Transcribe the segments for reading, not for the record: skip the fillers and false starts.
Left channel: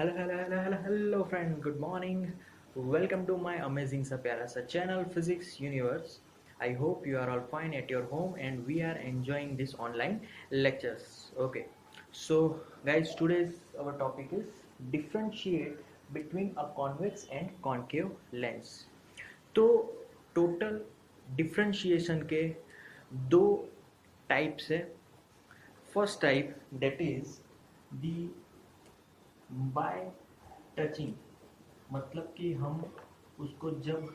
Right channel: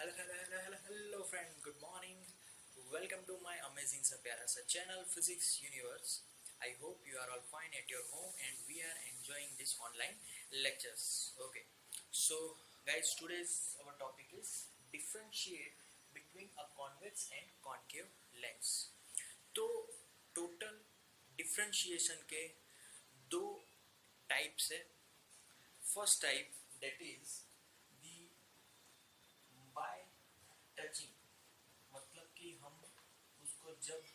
Hello friend, good morning. Welcome to my amazing सा प्यारा सा channel Physics Universe. I hope you are all fine at your home and we are enjoying this online lectures. Okay, so guys, today's our topic is differentiate between a convex and concave lens. तो total differentiation के दो types है. First type that is the bye touching, मतलब कि हम उसको जब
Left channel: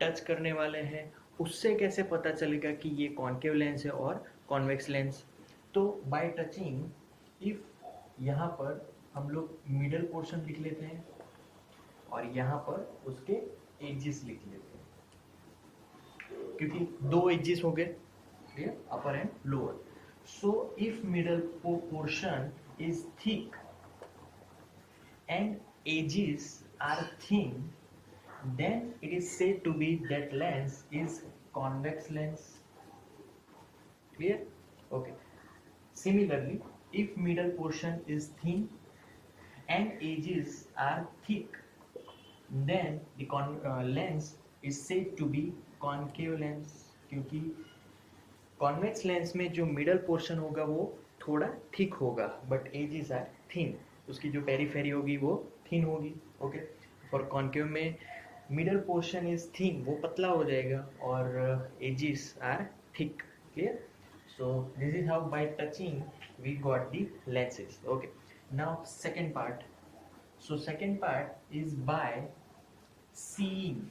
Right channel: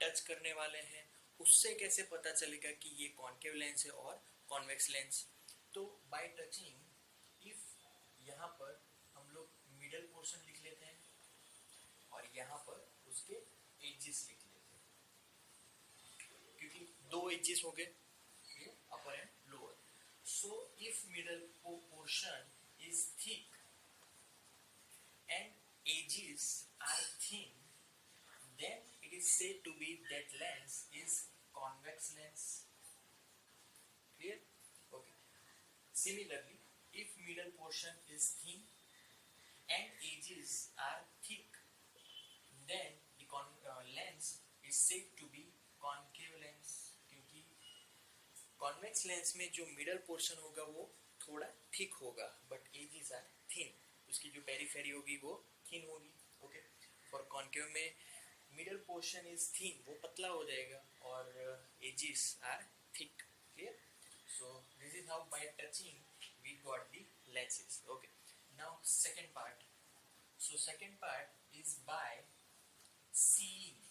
touch करने वाले हैं उससे कैसे पता चलेगा कि ये कॉन्केव लेंस है और कॉन्वेक्स लेंस. तो बाय टचिंग, इफ यहाँ पर हम लोग मिडल पोर्शन लिख लेते हैं और यहाँ पर उसके एजेस लिख लेते हैं, क्योंकि दो एजेस हो गए, upper and lower. So if middle portion is thick and edges are thin, then it is said to be that lens is convex lens. Clear? Okay. Similarly, if middle portion is thin and edges are thick, then the lens is said to be concave lens. क्योंकि convex lens में जो middle portion होगा वो थोड़ा thick होगा, but edges are thin, उसकी जो periphery होगी वो थिन होगी. ओके. फॉर कॉन्केव में मिडल पोर्शन इज थिन, वो पतला हो जाएगा, और edges are thick. Clear? So this is how by touching we got the lenses. Okay. Now second part. So second part is by seeing.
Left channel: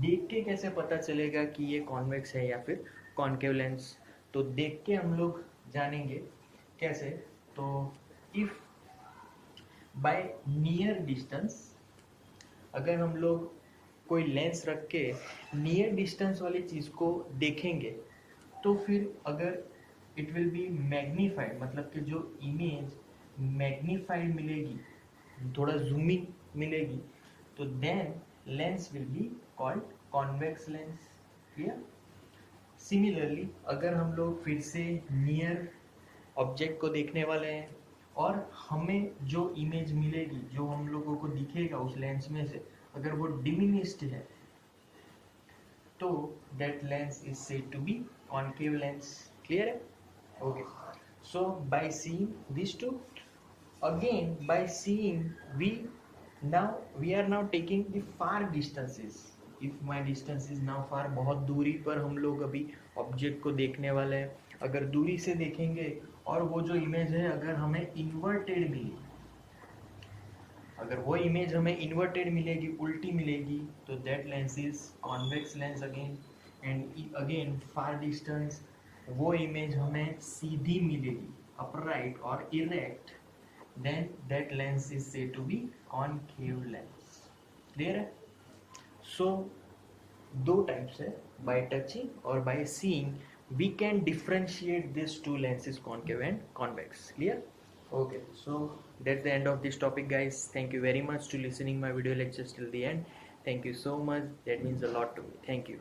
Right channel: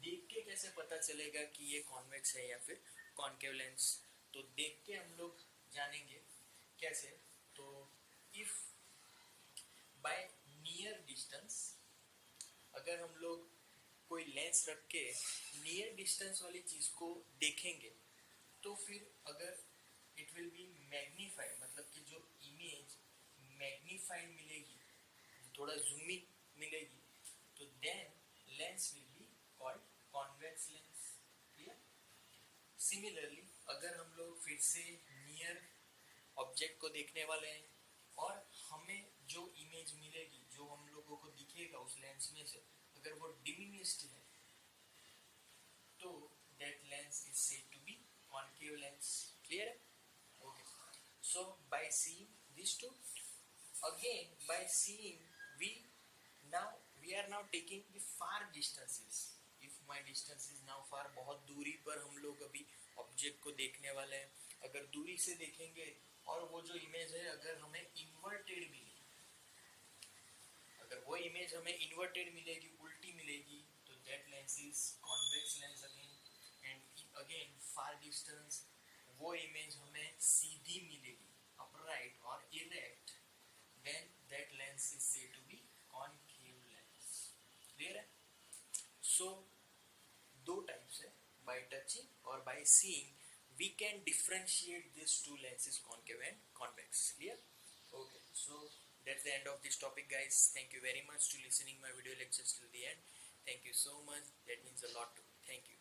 देख के कैसे पता चलेगा कि ये कॉन्वेक्स है या फिर कॉन्केव लेंस. तो देख के हम लोग जानेंगे कैसे. तो इफ बाय नियर डिस्टेंस, अगर हम लोग कोई लेंस रख के नियर डिस्टेंस वाली चीज़ को देखेंगे तो फिर अगर इट विल बी मैग्नीफाइड, मतलब कि जो इमेज मैग्नीफाइड मिलेगी, थोड़ा जूमिंग मिलेगी, तो then lens will be called convex lens. Clear? Similarly, अगर हम लोग फिर से नियर ऑब्जेक्ट को देखने वाले हैं और हमें जो इमेज मिलेगी, जो हम लोगों को दिखेगा उस लेंस में से, अगर वो डिमिनिश्ड है, तो that lens is said to be concave lens. Clear है? Okay. So by seeing this too, again by seeing, we are now taking the far distances. if my distance is now far, बहुत दूरी पर हम लोग अभी object को देखने वाले हैं. अगर दूरी से देखेंगे और वो जो इमेज है अगर हमें इन्वर्टेड मिली, अगर वो इमेज हमें इन्वर्टेड मिलेगी, उल्टी मिलेगी, तो that lens is convex lens again. And again far distance, वो इमेज हमें सीधी मिलेगी, अपराइट और erect, then that lens is said to be concave lens. Clear है? So दो टाइप्स है, by touching और by seeing we can differentiate these two lenses, concave and convex. Clear? Okay, so that's the end of this topic, guys. Thank you very much to listening my video lectures till the end. Thank you so much, that means a lot to me. Thank you.